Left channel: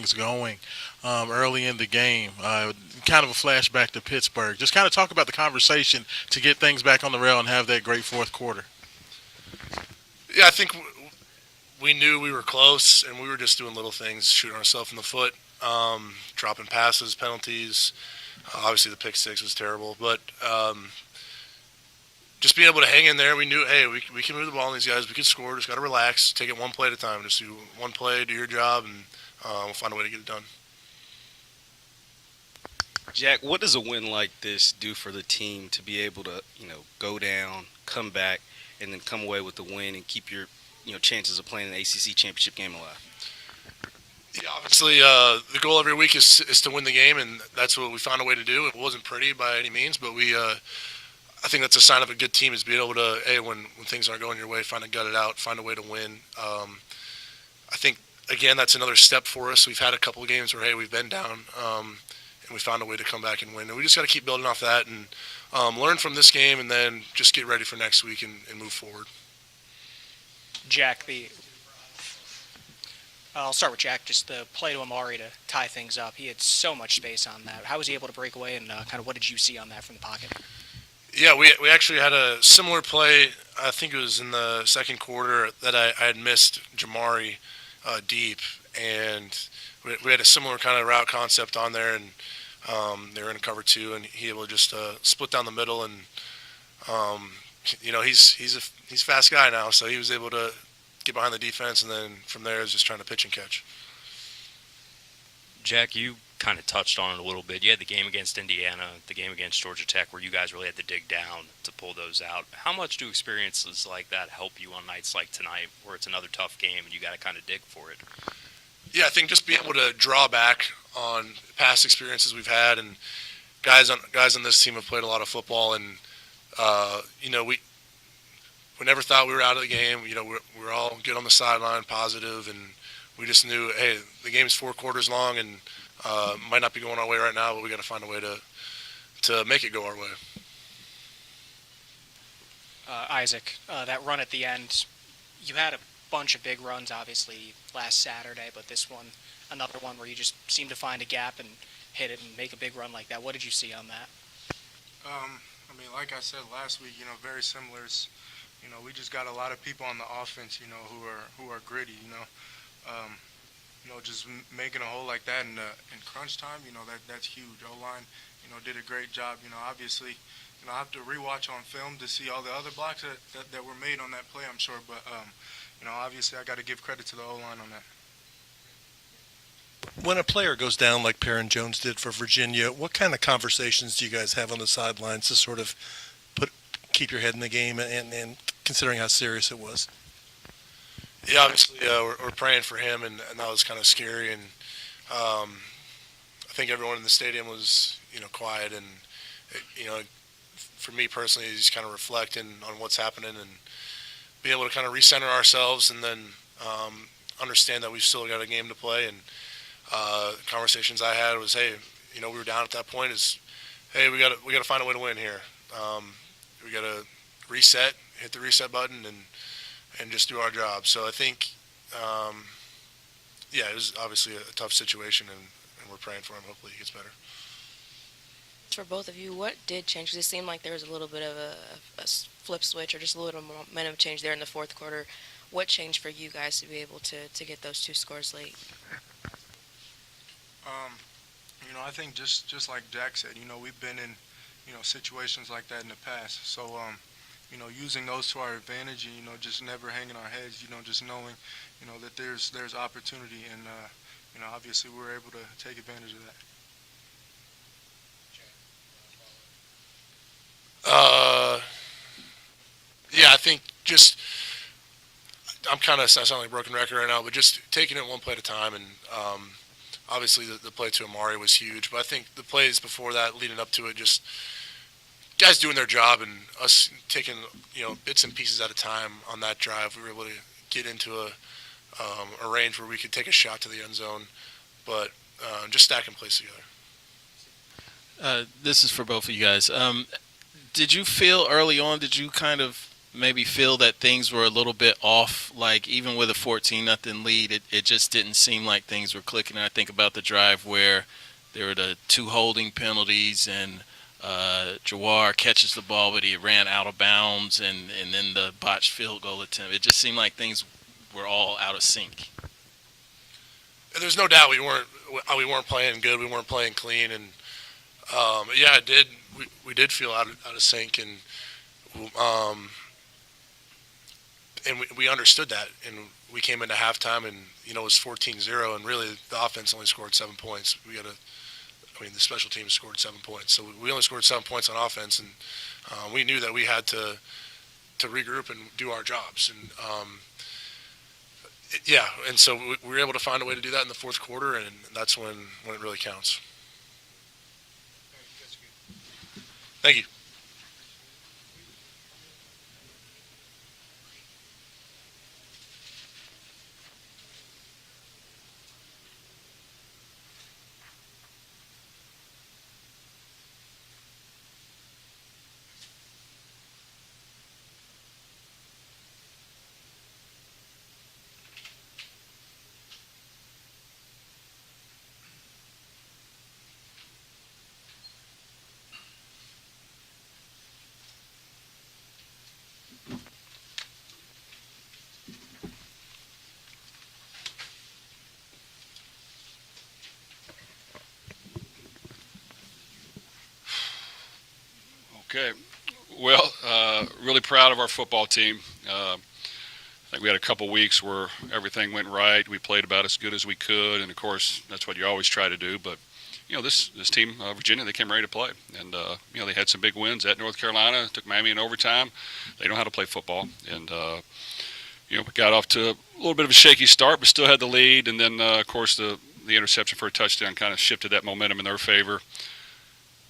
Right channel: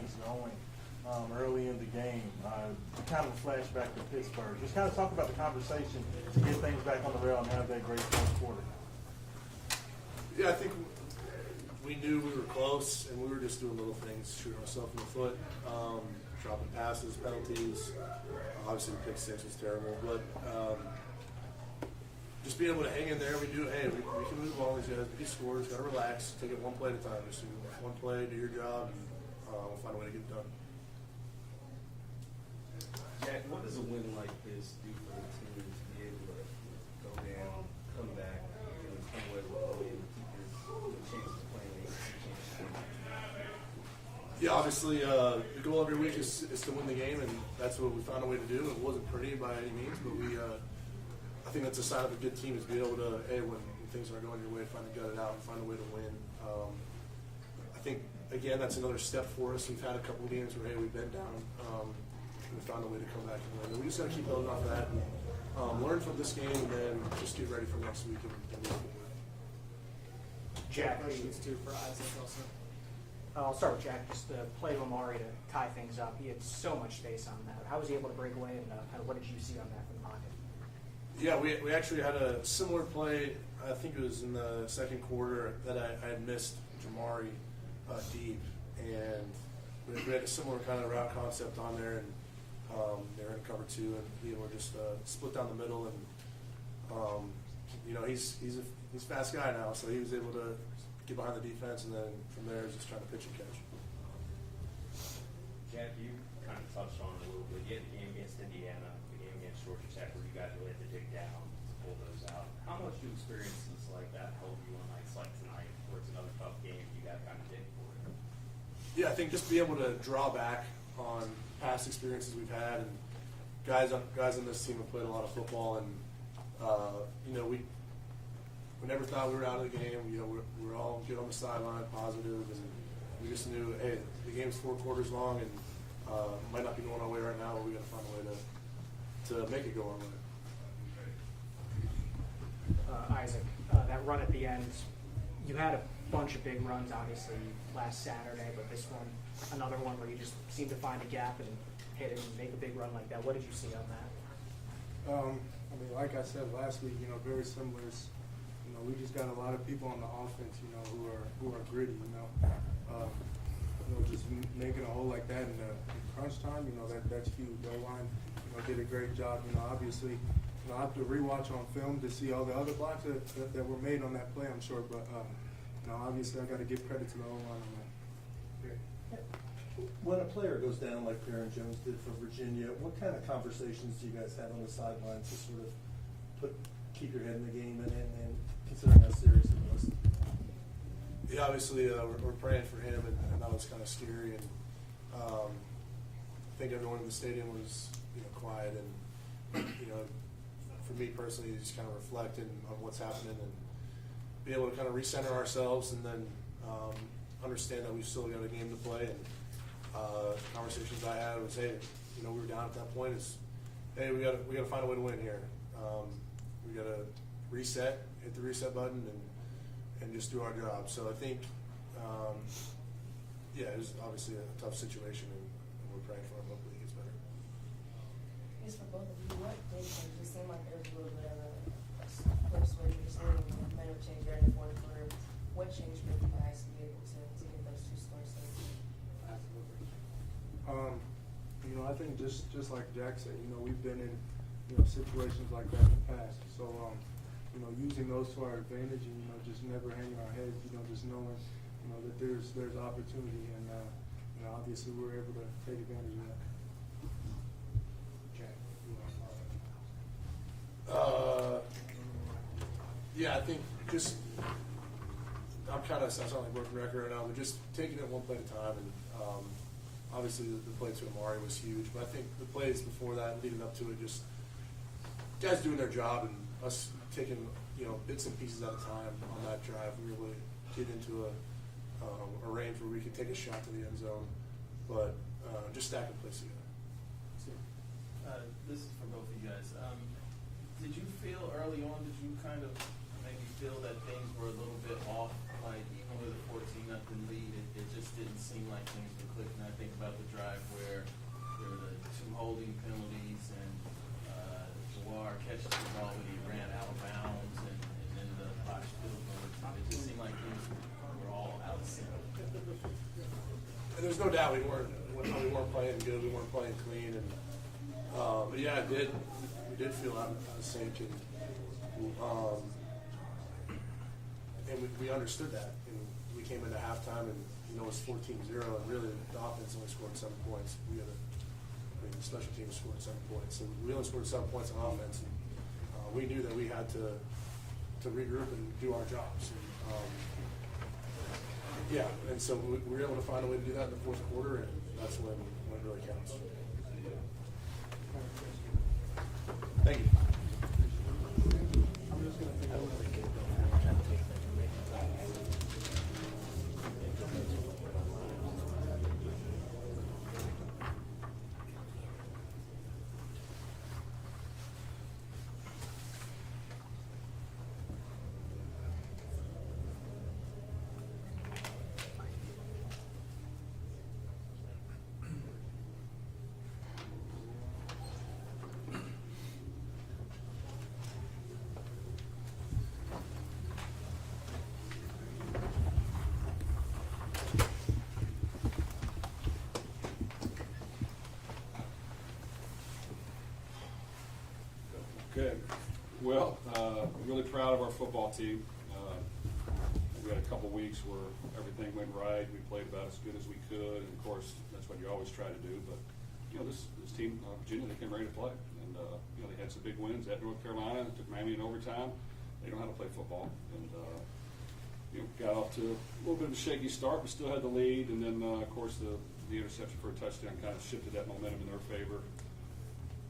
things going early in the game. Kind of a flashback to Pittsburgh. Just kind of talk about the conversation to get things back on the rail and have that great fourth quarter. Yeah, I think we knew we were close, and we were just doing little things, shooting ourselves in the foot, dropping passes, penalties. Obviously, the pick six was terrible, but just being able to hang in there, we knew, hey, we can move the ball on these guys. We can score. Just got to relax, take it one play at a time. Just do one play, do your job, and we'll find a way to get it done. Jack, what does a win like this do for the team to be able to, go down, come back, and then come away with the win and keep your, chances of playing an ACC championship game alive? Yeah, obviously, the goal every week is to win the game, and that's what we found a way to do. It wasn't pretty by any means, but I think that's a sign of a good team is being able to, hey, when things aren't going your way, find to gut it out, find a way to win. I think, again, that's another step for us. We've had a couple of games where, hey, we've been down, and we found a way to come back and win. And we just got to keep building off that and learn from this game and then just get ready for next week and move forward. Jack, I'll start with Jack. Just the play to Amari to tie things up. He had so much space on that. How was he able to break away, and kind of what did you see on that from the pocket? Yeah, we actually had a similar play. I think it was in the second quarter that I had missed Jamari deep, and we had a similar kind of route concept on there, and they were in cover two, and he able to just split down the middle, and he's a fast guy now, so he was able to get behind the defense, and then from there is just trying to pitch and catch. Jack, you kind of touched on it a little bit. You had the game against Indiana, the game against Georgia Tech, where you guys really had to dig down to pull those out. How much do experiences like that help you on nights like tonight, where it's another tough game and you got to kind of dig for it? Yeah, I think just being able to draw back on past experiences we've had, and guys on this team have played a lot of football, and we never thought we were out of the game. We're all good on the sideline, positive, and we just knew, hey, the game's 4 quarters long, and might not be going our way right now, but we got to find a way to make it go our way. Isaac, that run at the end, you had a bunch of big runs, obviously, last Saturday, but this one, another one where you just seem to find a gap and hit it and make a big run like that. What did you see on that? Like I said last week, very similar. We just got a lot of people on the offense, who are gritty, just making a hole like that in crunch time, that's huge. O-line, did a great job. Obviously, I have to rewatch on film to see all the other blocks that were made on that play, I'm sure. But, obviously I got to give credit to the O-line on that. When a player goes down like Perrin Jones did for Virginia, what kind of conversations do you guys have on the sidelines to sort of keep your head in the game and considering how serious it was? Yeah, obviously we're praying for him, and that was kind of scary. And I think everyone in the stadium was, quiet. And, for me personally, just kind of reflecting on what's happening and being able to kind of recenter ourselves and then understand that we've still got a game to play. And conversations I had was, hey, we were down at that point. Is, hey, we got to find a way to win here. We got to reset, hit the reset button, and just do our job. So I think, it was obviously a tough situation, and we're praying for him. Hopefully he gets better. For both of you, what did change? Because it seemed like there was a little bit of a flip switch or just a little momentum change there in the fourth quarter. What changed for you guys to be able to get those 2 scores late? I think just like Jack said, we've been in, situations like that in the past. So, using those to our advantage, and, just never hanging our heads, just knowing, that there's opportunity, and, obviously we're able to take advantage of that. Yeah, I think just I'm kind of sound like a broken record right now, but just taking it one play at a time, and obviously the play to Amari was huge, but I think the plays before that, leading up to it, just guys doing their job and us taking bits and pieces at a time on that drive. We were able to get into a range where we could take a shot to the end zone, but just stacking plays together. This is for both of you guys. Did you feel early on, did you kind of maybe feel that things were a little bit off? Like even with a 14-0 lead, it just didn't seem like things were clicking. And I think about the drive where there were the 2 holding penalties and Jawar catches the ball, but he ran out of bounds, and then the botched field goal attempt. It just seemed like things were all out of sync. There's no doubt we weren't playing good. We weren't playing clean, and yeah, it did. We did feel out of sync, and we understood that, and we came into halftime, and it was 14-0, and really the offense only scored 7 points. The special teams scored 7 points, so we only scored 7 points on offense, and we knew that we had to regroup and do our jobs, and so we were able to find a way to do that in the fourth quarter, and that's when it really counts. Thank you. Okay. Well, really proud of our football team. I think we had a couple weeks where everything went right. We played about as good as we could, and of course, that's what you always try to do. But this team, Virginia, they came ready to play, and they had some big wins at North Carolina. Took Miami in overtime. They know how to play football, and we got off to a little bit of a shaky start, but still had the lead. And then, of course, the interception for a touchdown kind of shifted that momentum in their favor.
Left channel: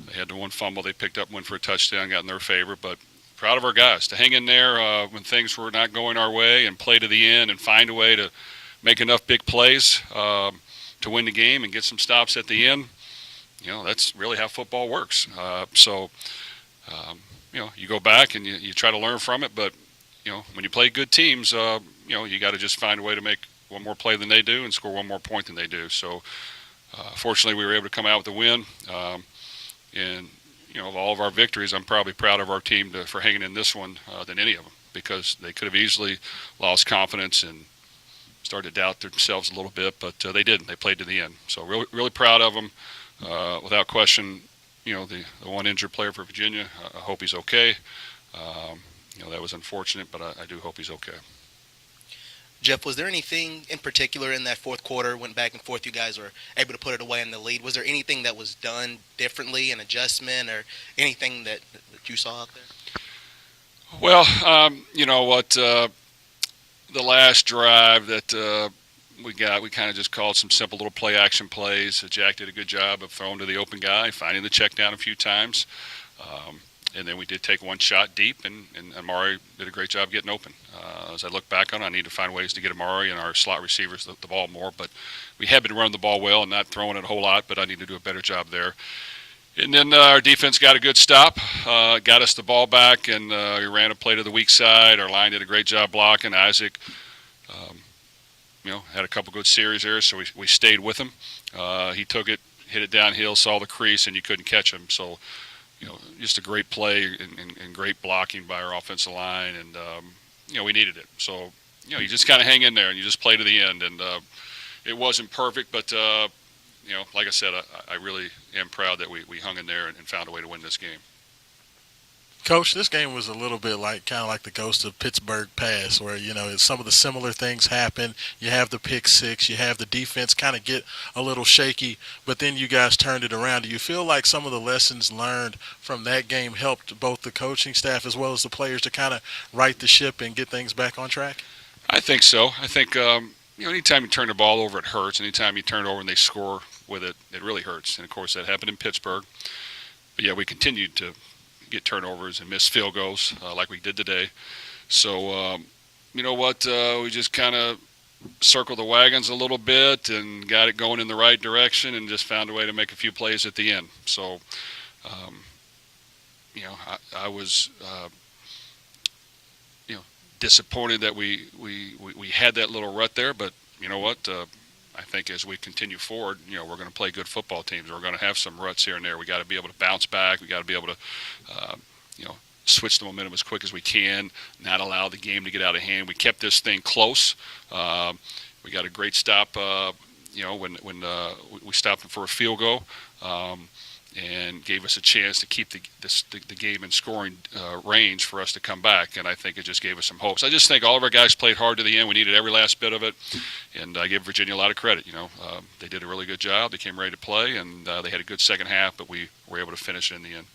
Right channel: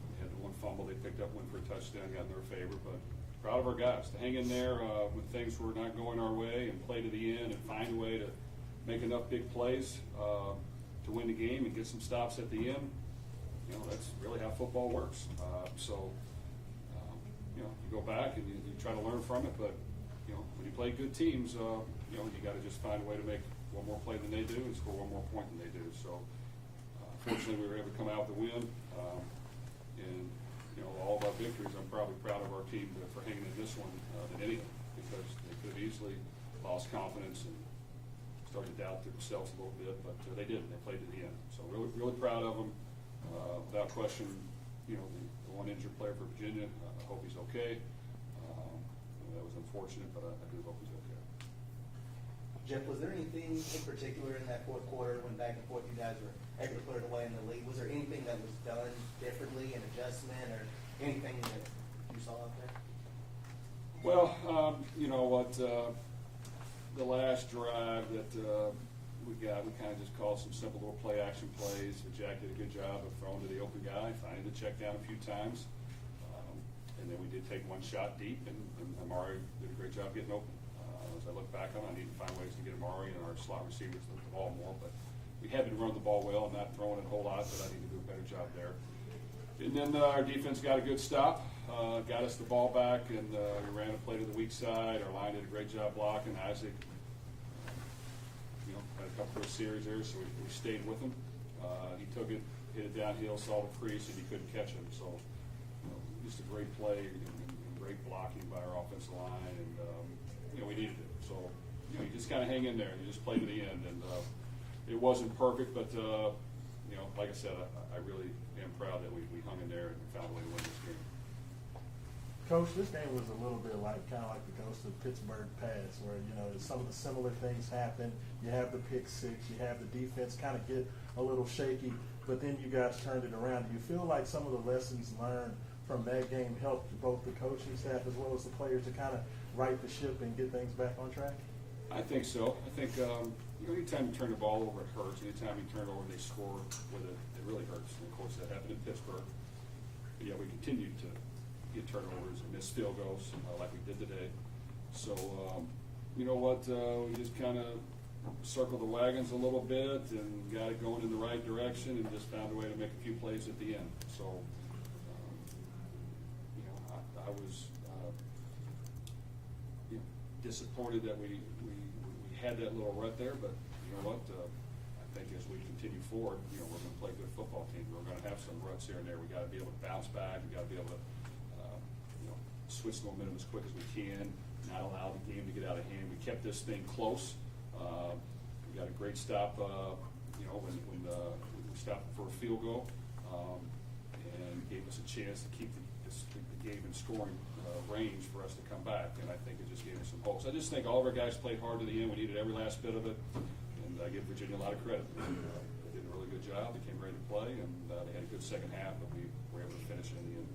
They had the one fumble they picked up, went for a touchdown, got in their favor. But proud of our guys to hang in there when things were not going our way and play to the end and find a way to make enough big plays to win the game and get some stops at the end. That's really how football works. You go back and you try to learn from it. But, when you play good teams, you got to just find a way to make one more play than they do and score one more point than they do. So, fortunately, we were able to come out with a win. And of all of our victories, I'm probably proud of our team for hanging in this one than any of them, because they could have easily lost confidence and started to doubt themselves a little bit, but they didn't. They played to the end. So really, really proud of them. Without question, the one injured player for Virginia, I hope he's okay. That was unfortunate, but I do hope he's okay. Jeff, was there anything in particular in that fourth quarter, went back and forth, you guys were able to put it away in the lead? Was there anything that was done differently, an adjustment, or anything that you saw out there? Well, the last drive that we kind of just called some simple little play action plays. Jack did a good job of throwing to the open guy, finding the check down a few times. And then we did take one shot deep, and Amari did a great job getting open. As I look back on it, I need to find ways to get Amari and our slot receivers the ball more. But we have been running the ball well and not throwing it a whole lot, but I need to do a better job there. And then our defense got a good stop, got us the ball back, and we ran a play to the weak side. Our line did a great job blocking. Isaac, had a couple good series there, so we stayed with him. He took it, hit it downhill, saw the crease, and you couldn't catch him. So, just a great play and great blocking by our offensive line, and we needed it. So, you just kind of hang in there and you just play to the end. And it wasn't perfect, but like I said, I really am proud that we hung in there and found a way to win this game. Coach, this game was a little bit kind of like the ghost of Pittsburgh Pass, where, some of the similar things happen. You have the pick six, you have the defense kind of get a little shaky, but then you guys turned it around. Do you feel like some of the lessons learned from that game helped both the coaching staff as well as the players to kind of right the ship and get things back on track? I think so. I think, anytime you turn the ball over, it hurts. Anytime you turn it over and they score with it, it really hurts. And, of course, that happened in Pittsburgh. But, yeah, we continued to get turnovers and miss field goals like we did today. So, you know what, we just kind of circled the wagons a little bit and got it going in the right direction and just found a way to make a few plays at the end. So, disappointed that we had that little rut there, but you know what? I think as we continue forward, we're going to play good football teams. We're going to have some ruts here and there. We got to be able to bounce back. We got to be able to, switch the momentum as quick as we can, not allow the game to get out of hand. We kept this thing close. We got a great stop, when we stopped for a field goal. And gave us a chance to keep the game in scoring range for us to come back, and I think it just gave us some hopes. I just think all of our guys played hard to the end. We needed every last bit of it, and I give Virginia a lot of credit. They did a really good job. They came ready to play, and they had a good second half, but we were able to finish it in the end.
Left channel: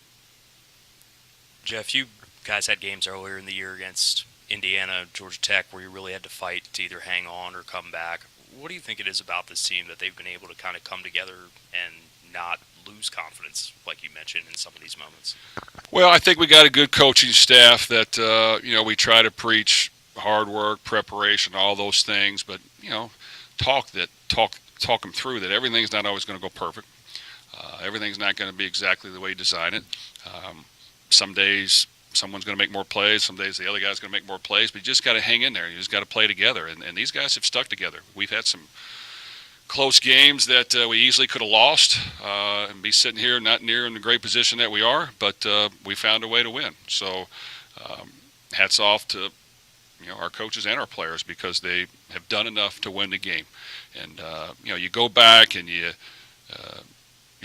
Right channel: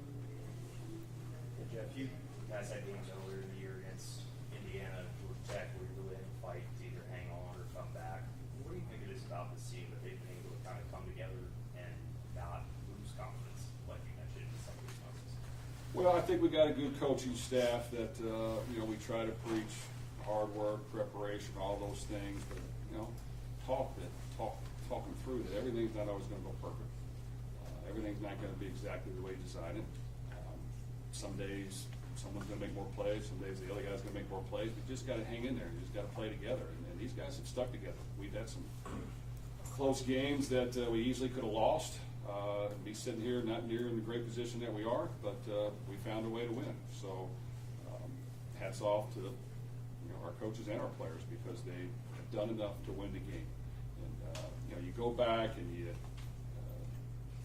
Jeff, you guys had games earlier in the year against Indiana, Georgia Tech, where you really had to fight to either hang on or come back. What do you think it is about this team that they've been able to kind of come together and not lose confidence, like you mentioned, in some of these moments? Well, I think we got a good coaching staff that, we try to preach hard work, preparation, all those things, but, talk them through that everything's not always going to go perfect. Everything's not going to be exactly the way you design it. Some days someone's going to make more plays. Some days the other guy's going to make more plays, but you just got to hang in there. You just got to play together, and these guys have stuck together. We've had some close games that we easily could have lost and be sitting here not near in the great position that we are, but we found a way to win. So hats off to our coaches and our players, because they have done enough to win the game. And you go back and you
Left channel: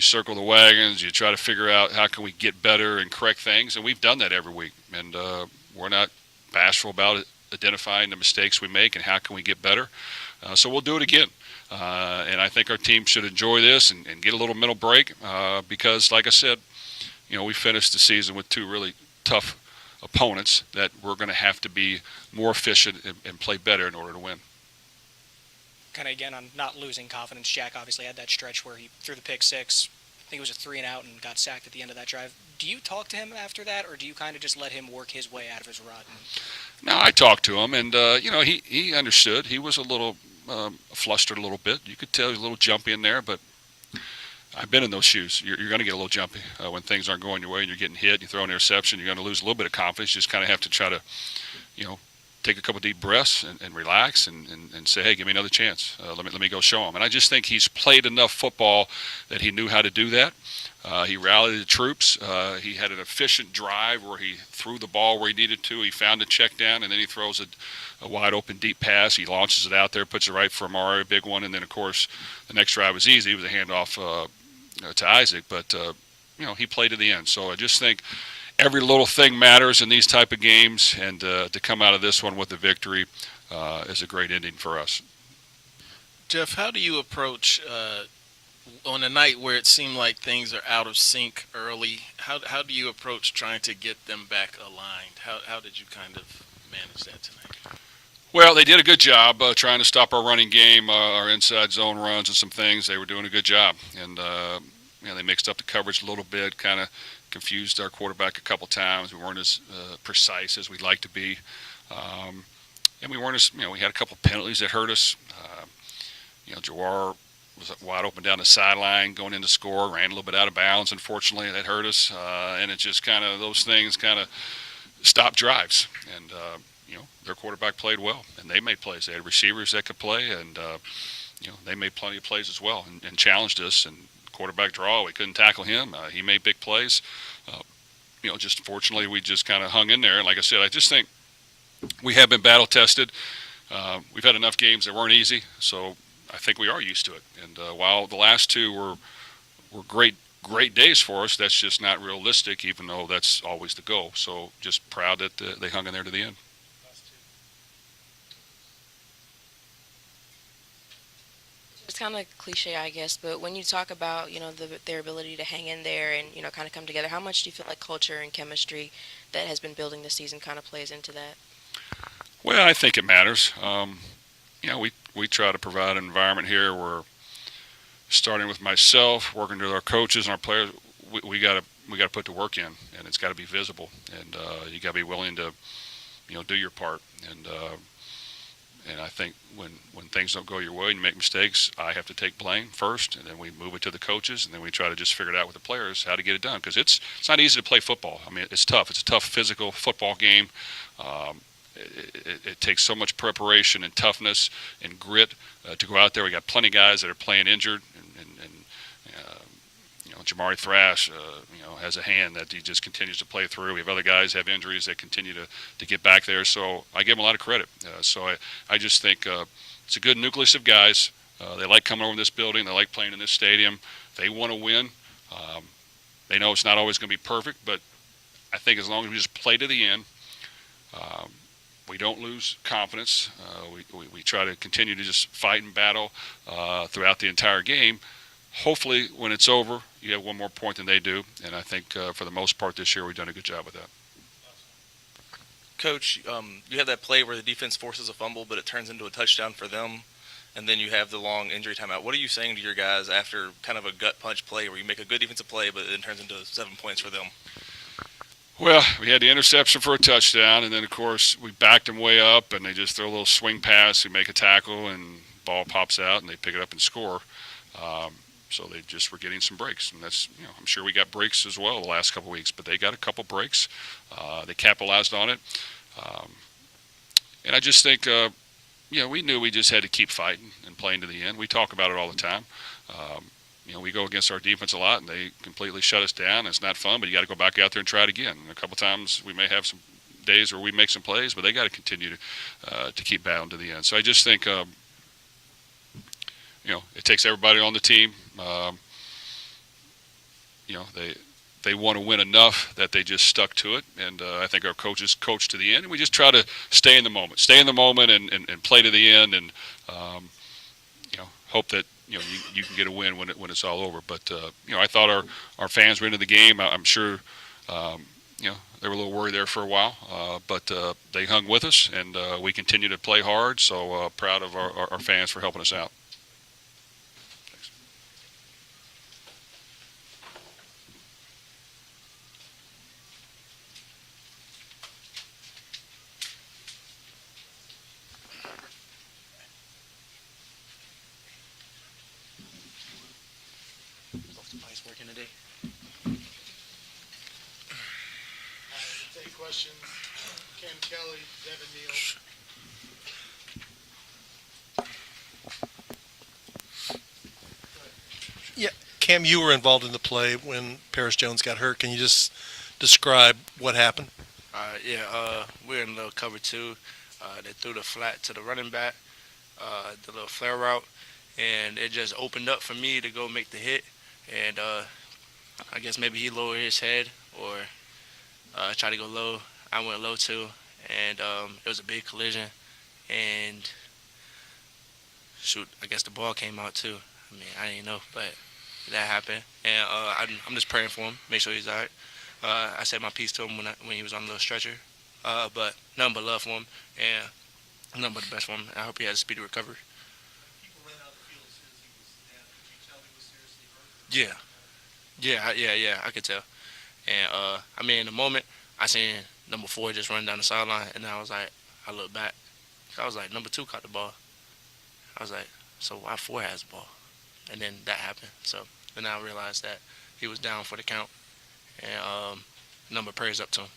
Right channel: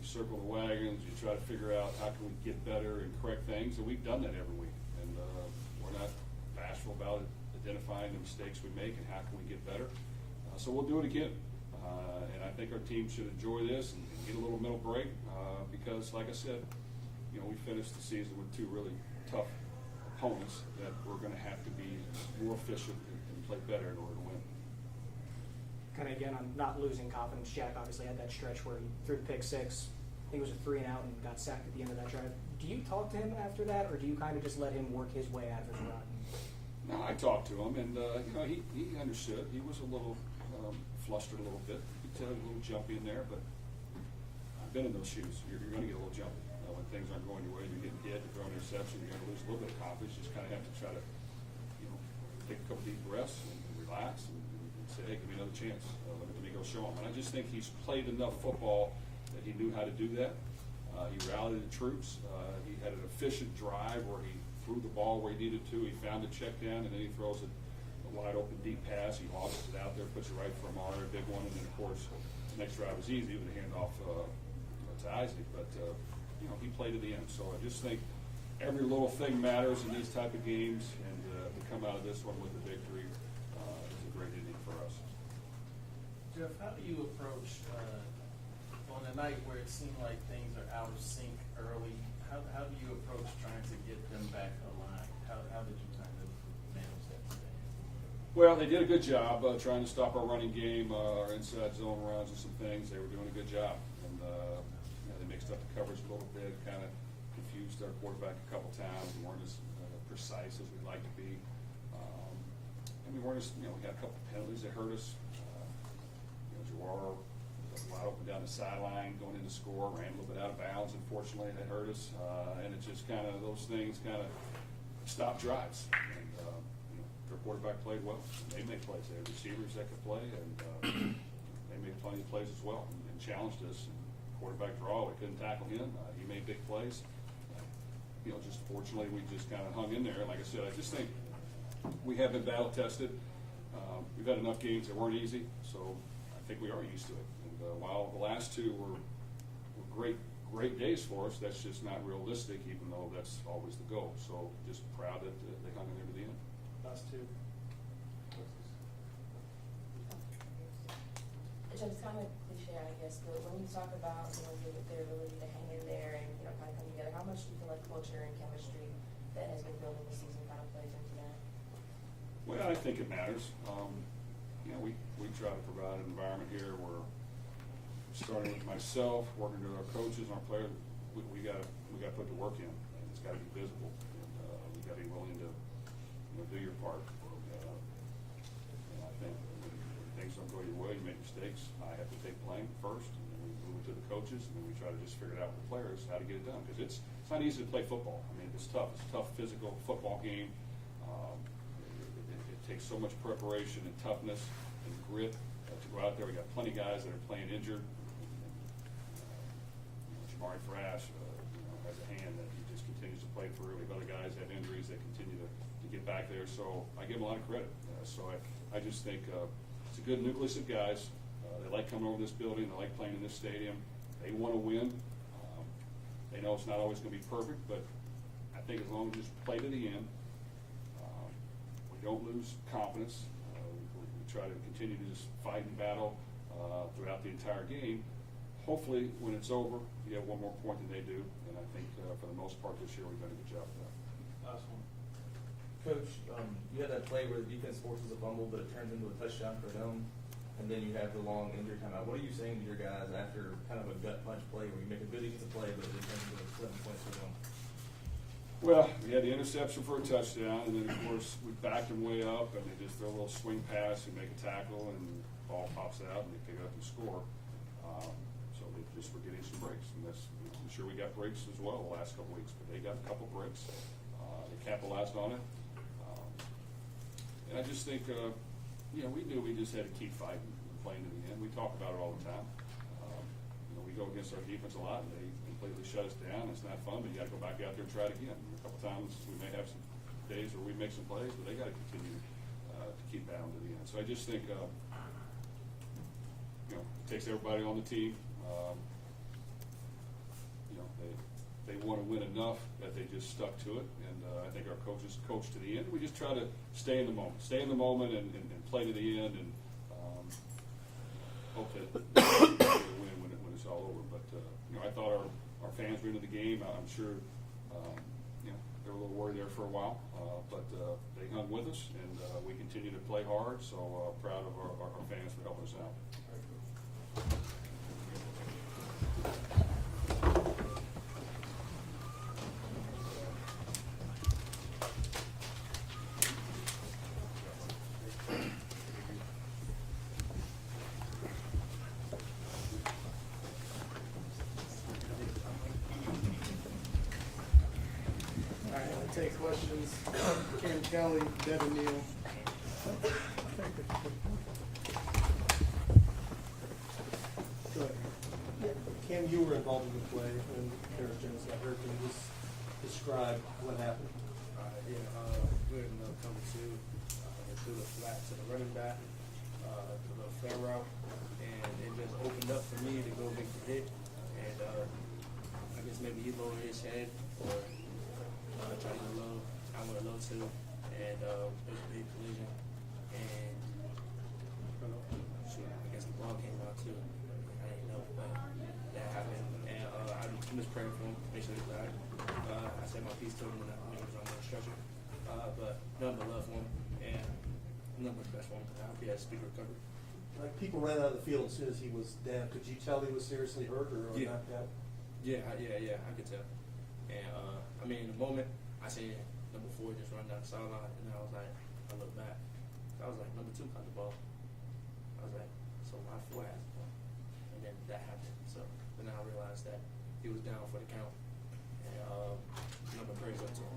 circle the wagons, you try to figure out how can we get better and correct things, and we've done that every week. And we're not bashful about it, identifying the mistakes we make and how can we get better. So we'll do it again. And I think our team should enjoy this and get a little mental break because, like I said, we finished the season with two really tough opponents that we're going to have to be more efficient and play better in order to win. Kind of, again, on not losing confidence, Jack obviously had that stretch where he threw the pick six. I think it was a 3-and-out and got sacked at the end of that drive. Do you talk to him after that, or do you kind of just let him work his way out of his rut? No, I talked to him, and, he understood. He was a little flustered a little bit. You could tell he was a little jumpy in there, but I've been in those shoes. You're going to get a little jumpy when things aren't going your way and you're getting hit, you throw an interception, you're going to lose a little bit of confidence. You just kind of have to try to, take a couple deep breaths and relax and say, hey, give me another chance. Let me go show him. And I just think he's played enough football that he knew how to do that. He rallied the troops. He had an efficient drive where he threw the ball where he needed to. He found a check down, and then he throws a wide open deep pass. He launches it out there, puts it right for Amari, a big one, and then, of course, the next drive was easy. It was a handoff to Isaac, but, he played to the end. So I just think every little thing matters in these type of games, and to come out of this one with a victory is a great ending for us. Jeff, how do you approach on a night where it seemed like things are out of sync early? How do you approach trying to get them back aligned? How did you kind of manage that tonight? Well, they did a good job trying to stop our running game, our inside zone runs and some things. They were doing a good job, and they mixed up the coverage a little bit, kind of confused our quarterback a couple times. We weren't as precise as we'd like to be, and we weren't as we had a couple penalties that hurt us. Jawar was wide open down the sideline going in to score, ran a little bit out of bounds. Unfortunately, that hurt us, and it just kind of those things kind of stopped drives. And their quarterback played well, and they made plays. They had receivers that could play, and they made plenty of plays as well, and challenged us. And quarterback draw, we couldn't tackle him. He made big plays. Just unfortunately, we just kind of hung in there. And like I said, I just think we have been battle tested. We've had enough games that weren't easy, so I think we are used to it. And while the last two were great days for us, that's just not realistic, even though that's always the goal. So just proud that they hung in there to the end. It's kind of cliche, I guess, but when you talk about, their ability to hang in there and, kind of come together, how much do you feel like culture and chemistry that has been building this season kind of plays into that? Well, I think it matters. We try to provide an environment here where, starting with myself, working with our coaches and our players, we got to put the work in, and it's got to be visible, and you got to be willing to, do your part. And I think when things don't go your way and you make mistakes, I have to take blame first, and then we move it to the coaches, and then we try to just figure it out with the players how to get it done, because it's not easy to play football. I mean, it's tough. It's a tough physical football game. it takes so much preparation and toughness and grit to go out there. We got plenty of guys that are playing injured, and Jamari Thrash, has a hand that he just continues to play through. We have other guys have injuries that continue to get back there. So I give them a lot of credit. So I just think it's a good nucleus of guys. They like coming over to this building. They like playing in this stadium. They want to win. They know it's not always going to be perfect, but I think as long as we just play to the end, we don't lose confidence. We try to continue to just fight and battle throughout the entire game. Hopefully, when it's over, you have one more point than they do, and I think for the most part this year we've done a good job with that. Coach, you have that play where the defense forces a fumble, but it turns into a touchdown for them, and then you have the long injury timeout. What are you saying to your guys after kind of a gut punch play where you make a good defensive play, but it turns into 7 points for them? Well, we had the interception for a touchdown, and then, of course, we backed them way up, and they just throw a little swing pass, we make a tackle, and ball pops out, and they pick it up and score. So they just were getting some breaks, and that's, I'm sure we got breaks as well the last couple of weeks, but they got a couple breaks. They capitalized on it. And I just think, we knew we just had to keep fighting and playing to the end. We talk about it all the time. We go against our defense a lot, and they completely shut us down. It's not fun, but you got to go back out there and try it again. And a couple times we may have some days where we make some plays, but they got to continue to keep battling to the end. So I just think, it takes everybody on the team. They want to win enough that they just stuck to it, and I think our coaches coached to the end. And we just try to stay in the moment, and play to the end, and hope that you can get a win when it's all over. But I thought our fans were into the game. I'm sure they were a little worried there for a while, but they hung with us, and we continue to play hard. So proud of our fans for helping us out. Take questions. Cam Kelly, Devin Neal. Yeah, Cam, you were involved in the play when Paris Jones got hurt. Can you just describe what happened? We were in little cover two. They threw the flat to the running back, the little flare route, and it just opened up for me to go make the hit. And I guess maybe he lowered his head or tried to go low. I went low too, and it was a big collision. And shoot, I guess the ball came out too. I mean, I didn't know, but that happened. And I'm just praying for him, make sure he's all right. I said my piece to him when he was on the little stretcher. But nothing but love for him, and nothing but the best for him. I hope he has a speedy recovery. People ran out of the field as soon as he was down. Could you tell he was seriously hurt? Yeah. I could tell. And in the moment, I seen number 4 just run down the sideline, and I was like, I looked back. I was like, number 2 caught the ball. I was like, so why 4 has the ball? And then that happened. So then I realized that he was down for the count, and number praise up to him.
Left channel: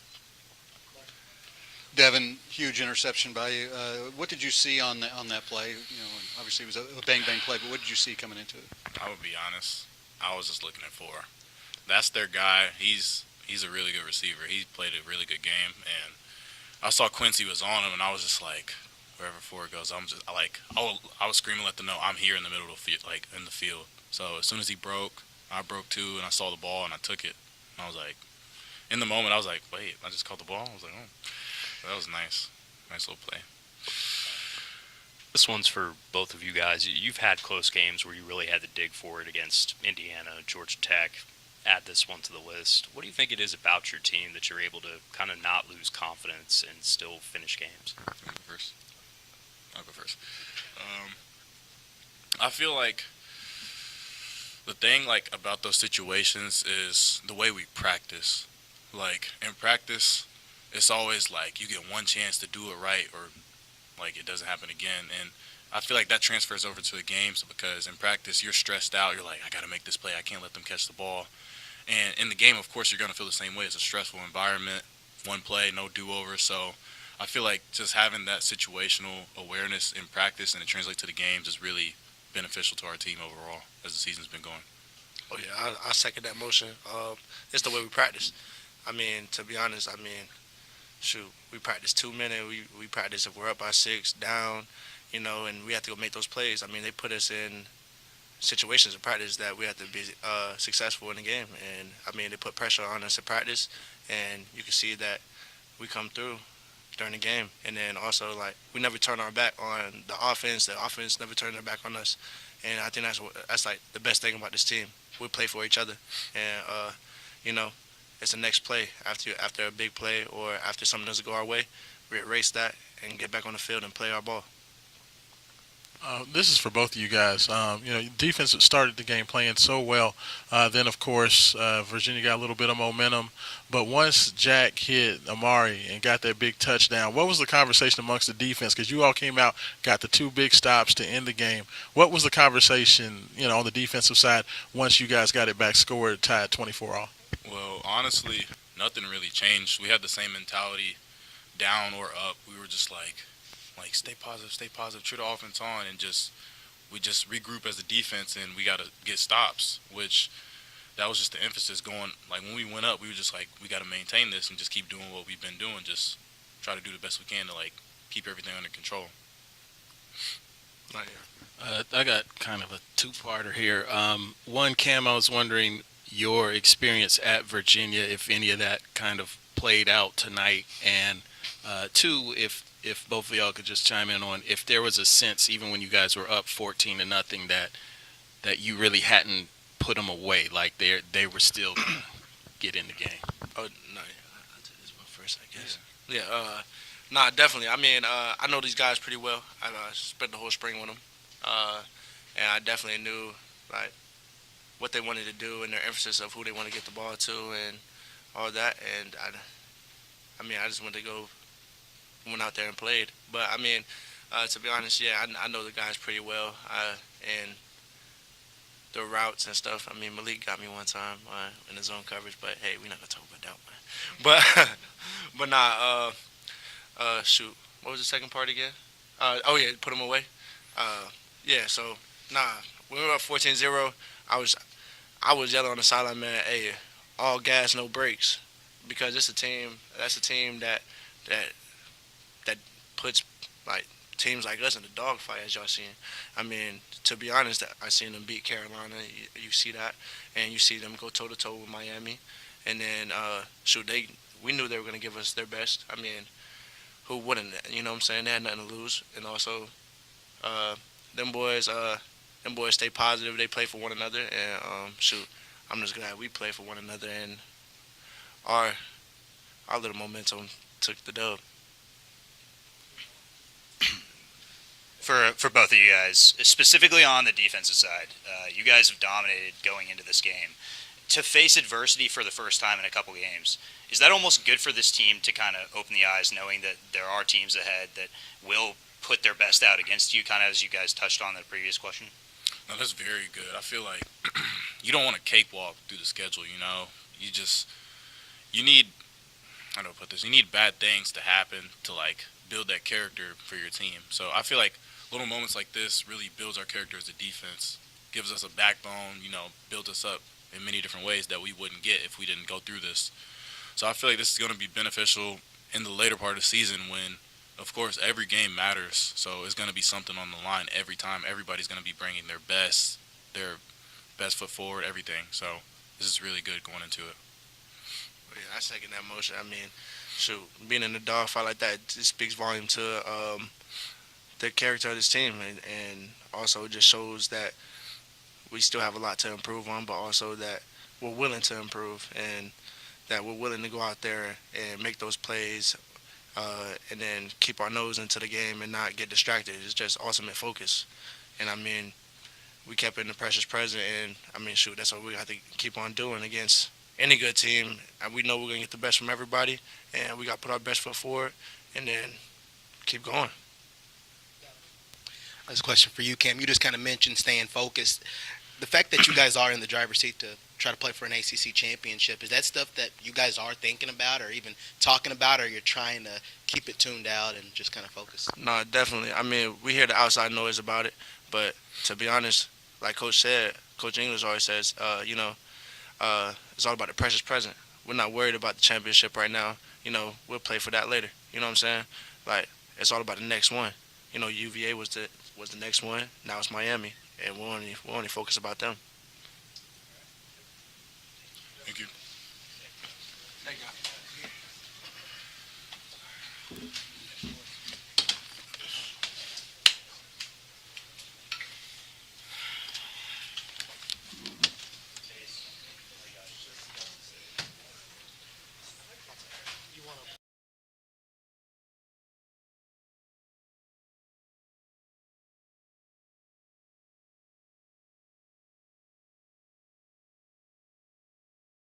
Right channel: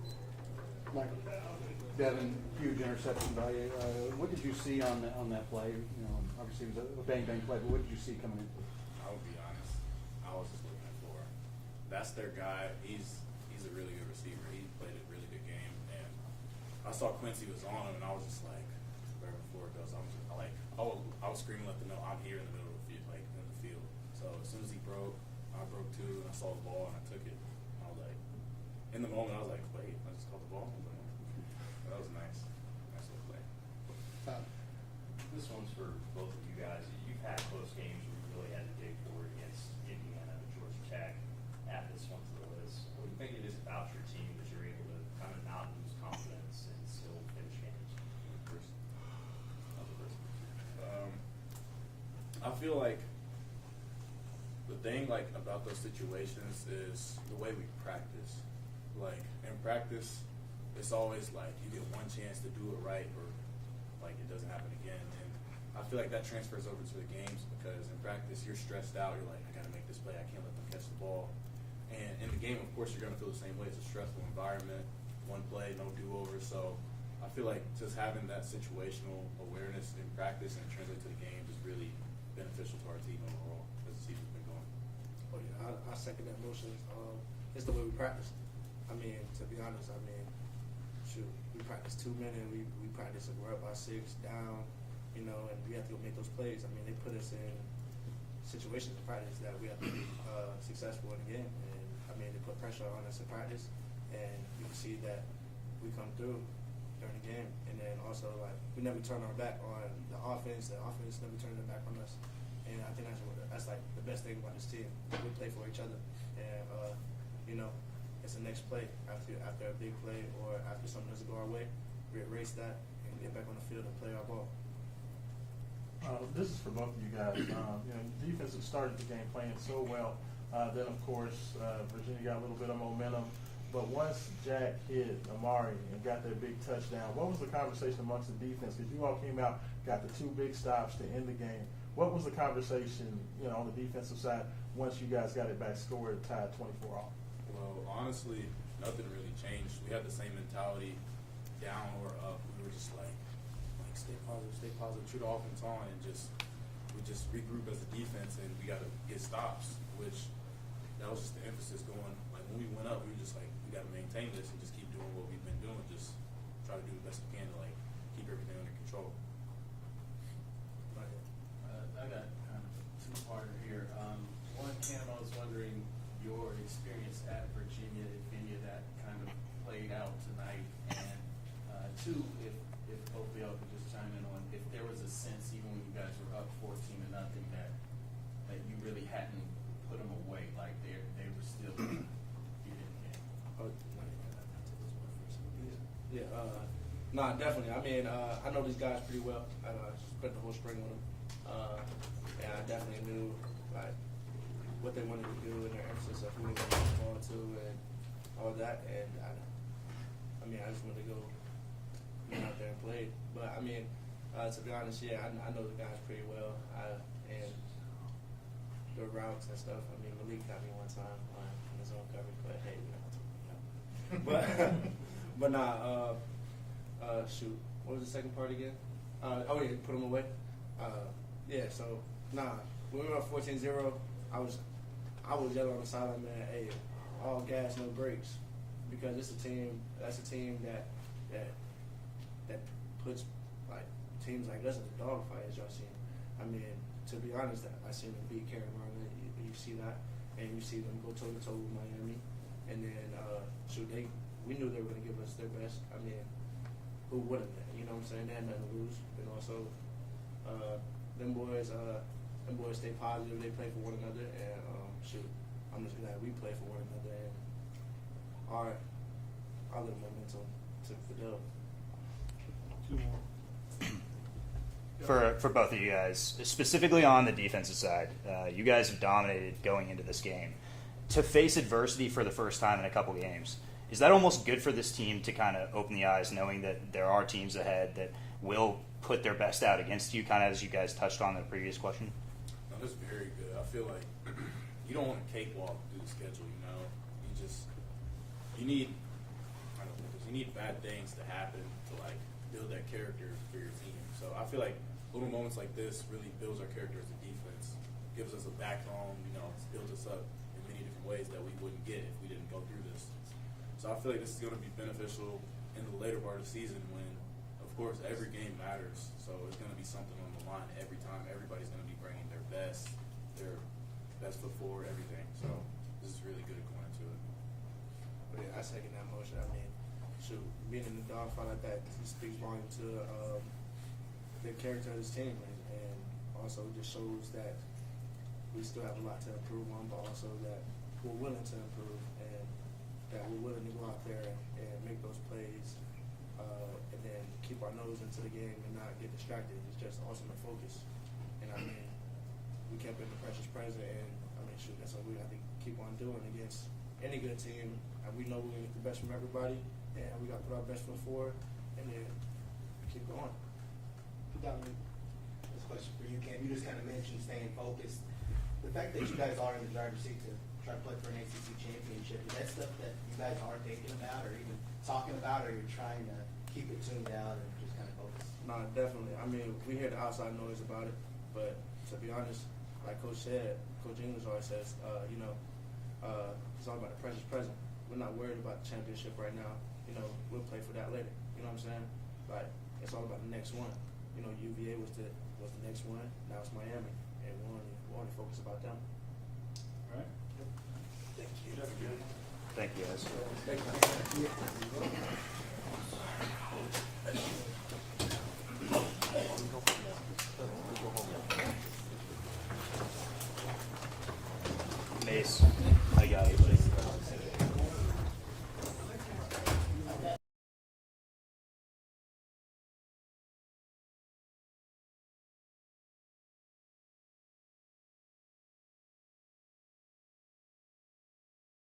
Devin, huge interception by you. What did you see on that play? And obviously it was a bang play, but what did you see coming into it? I would be honest. I was just looking at 4. That's their guy. He's a really good receiver. He played a really good game, and I saw Quincy was on him, and I was just like, wherever 4 goes, I was screaming, let them know I'm here in the middle of the field, like in the field. So as soon as he broke, I broke too, and I saw the ball and I took it. And I was like, in the moment, I was like, wait, I just caught the ball. I was like, oh, that was nice little play. This one's for both of you guys. You've had close games where you really had to dig for it against Indiana, Georgia Tech. Add this one to the list. What do you think it is about your team that you're able to kind of not lose confidence and still finish games? I'll go first. I feel like the thing about those situations is the way we practice. Like in practice, it's always like you get one chance to do it right, or like it doesn't happen again. And I feel like that transfers over to the games because in practice you're stressed out. You're like, I got to make this play. I can't let them catch the ball. And in the game, of course, you're going to feel the same way. It's a stressful environment. One play, no do-over. So I feel like just having that situational awareness in practice and it translates to the games is really beneficial to our team overall as the season's been going. Oh yeah, I second that motion. It's the way we practice. I mean, to be honest, shoot, we practice 2 minutes. We practice if we're up by 6, down, and we have to go make those plays. I mean, they put us in situations of practice that we have to be successful in the game. And, they put pressure on us in practice, and you can see that we come through during the game. And then also, we never turn our back on the offense. The offense never turned their back on us. And I think that's the best thing about this team. We play for each other. And, it's the next play after a big play or after something doesn't go our way, we erase that and get back on the field and play our ball. This is for both of you guys. Defense started the game playing so well. Then, of course, Virginia got a little bit of momentum. But once Jack hit Amari and got that big touchdown, what was the conversation amongst the defense? Because you all came out, got the 2 big stops to end the game. What was the conversation, on the defensive side once you guys got it back, scored, tied 24 all? Well, honestly, nothing really changed. We had the same mentality, down or up. We were just like stay positive, true the offense on, and we just regroup as a defense, and we got to get stops, which that was just the emphasis going. Like, when we went up, we were just like, we got to maintain this and just keep doing what we've been doing, just try to do the best we can to, keep everything under control. I got kind of a two-parter here. One, Cam, I was wondering your experience at Virginia, if any of that kind of played out tonight, and two, if both of y'all could just chime in on if there was a sense, even when you guys were up 14-0, that you really hadn't put them away, like they were still going to get in the game. Oh, no, this is my first, I guess. Yeah, definitely. I know these guys pretty well. I spent the whole spring with them, and I definitely knew what they wanted to do and their emphasis of who they want to get the ball to and all that. And I just went out there and played. But to be honest, yeah, I know the guys pretty well, and the routes and stuff. Malik got me one time in the zone coverage, but hey, we're not gonna talk about that one. But shoot, what was the second part again? Put him away. When we were up 14-0, I was yelling on the sideline, man, hey, all gas, no brakes, because it's a team. That's a team that puts teams like us in the dogfight, as y'all seen. To be honest, I seen them beat Carolina. You see that, and you see them go toe to toe with Miami, and then we knew they were gonna give us their best. Who wouldn't? You know what I'm saying? They had nothing to lose, and also them boys stay positive. They play for one another, and I'm just glad we play for one another, and our little momentum took the dub. For both of you guys, specifically on the defensive side, you guys have dominated going into this game. To face adversity for the first time in a couple games, is that almost good for this team to kind of open the eyes, knowing that there are teams ahead that will put their best out against you, kind of as you guys touched on in the previous question? No, that's very good. I feel like you don't want to cakewalk through the schedule, you need, how do I put this, you need bad things to happen to, build that character for your team. So I feel like little moments like this really builds our character as a defense, gives us a backbone, builds us up in many different ways that we wouldn't get if we didn't go through this. So I feel like this is going to be beneficial in the later part of the season when, of course, every game matters. So it's going to be something on the line every time. Everybody's going to be bringing their best foot forward, everything. So this is really good going into it. Yeah, I second that motion. Being in the dogfight like that, it speaks volume to the character of this team, and also just shows that we still have a lot to improve on, but also that we're willing to improve and that we're willing to go out there and make those plays and then keep our nose into the game and not get distracted. It's just ultimate focus. And, we kept it in the precious present, and, that's what we have to keep on doing against any good team. And we know we're going to get the best from everybody, and we got to put our best foot forward and then keep going. This question for you, Cam. You just kind of mentioned staying focused. the fact that you guys are in the driver's seat to try to play for an ACC championship, is that stuff that you guys are thinking about or even talking about, or you're trying to keep it tuned out and just kind of focus? No, definitely. I mean, we hear the outside noise about it, but to be honest, like Coach said, Coach English always says, it's all about the precious present. We're not worried about the championship right now. We'll play for that later. You know what I'm saying? Like, it's all about the next one. UVA was the next one. Now it's Miami, and we're only focused about them. Thank you. Thank you, guys. Thank you.